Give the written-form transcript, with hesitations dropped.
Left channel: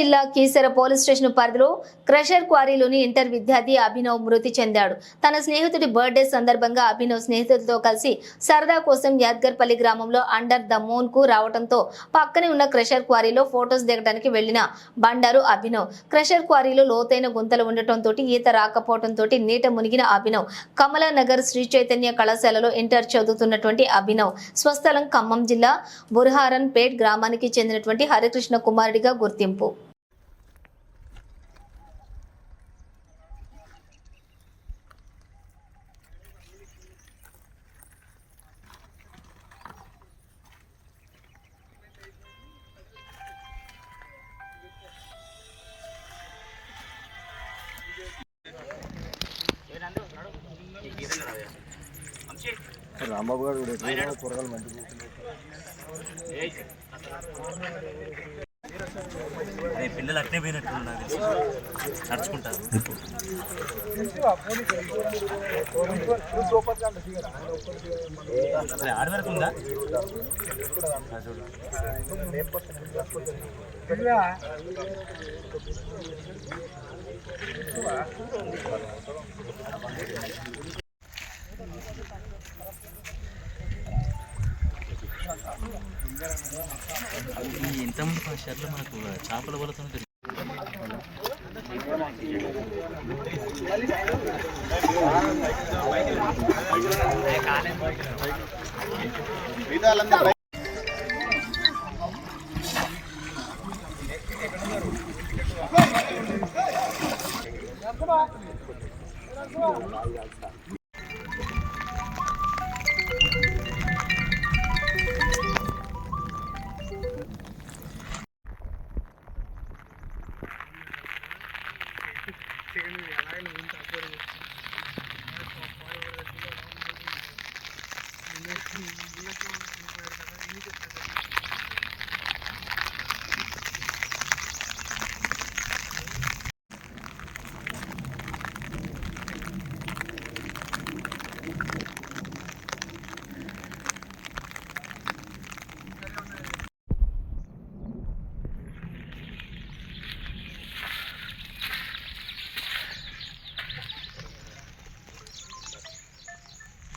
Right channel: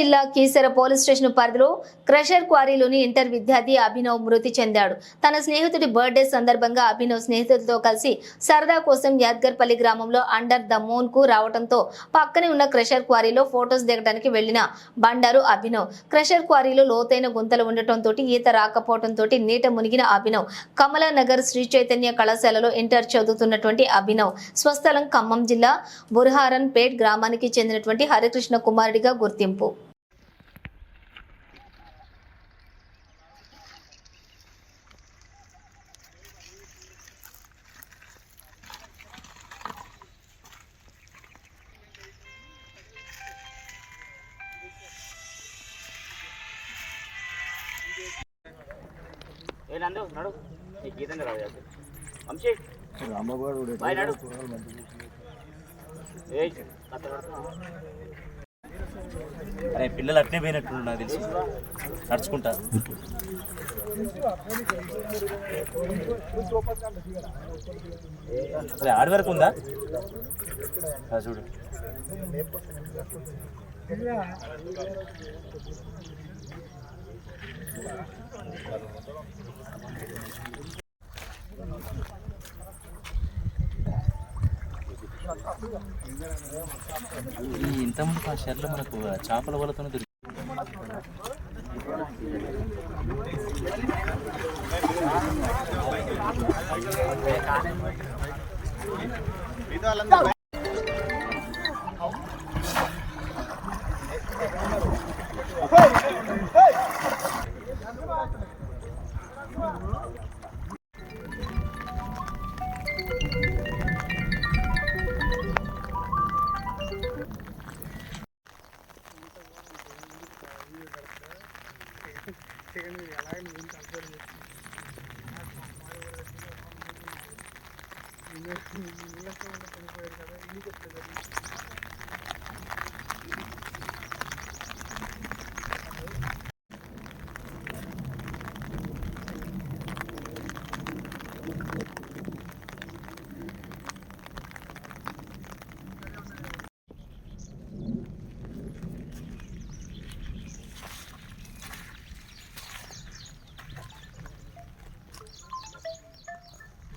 జిల్లా Keesara police station పరిధిలో crusher క్వారీలోని inter విద్యార్థి అభినవ్ మృతి చెందాడు. తన స్నేహితుడి బర్త్డే సందర్భంగా అభినవ్ స్నేహితులతో కలిసి సరదా కోసం యాద్గర్పల్లి గ్రామంలో అండర్ ద మూన్ కు రావడంతో పక్కనే ఉన్న క్రషర్ క్వారీలో ఫోటోస్ దిగడానికి వెళ్లిన బండారు అభినవ్. క్రషర్ క్వారీలో లోతైన గుంతలు ఉండటంతో ఈత రాకపోవడంతో నీట మునిగిన అభినవ్ కమలానగర్ శ్రీ చైతన్య కళాశాలలో ఇంటర్ చదువుతున్నటువంటి అభినవ్ స్వస్థలం ఖమ్మం జిల్లా బుర్హారన్ పేట్ గ్రామానికి చెందినటువంటి హరికృష్ణ కుమారుడిగా గుర్తింపు. రాంబాబు గారు కూరగాయలు మంచిగా పిల్లలు అట్నే పోయినట్టు నాకు తెలిసి నడుచుకుంటారు. ఆడి వరకు ఉందా చూడు. ఈ ఇంతకుముందు ఆ షర్లో మనకు చేపల వలతో ఎలా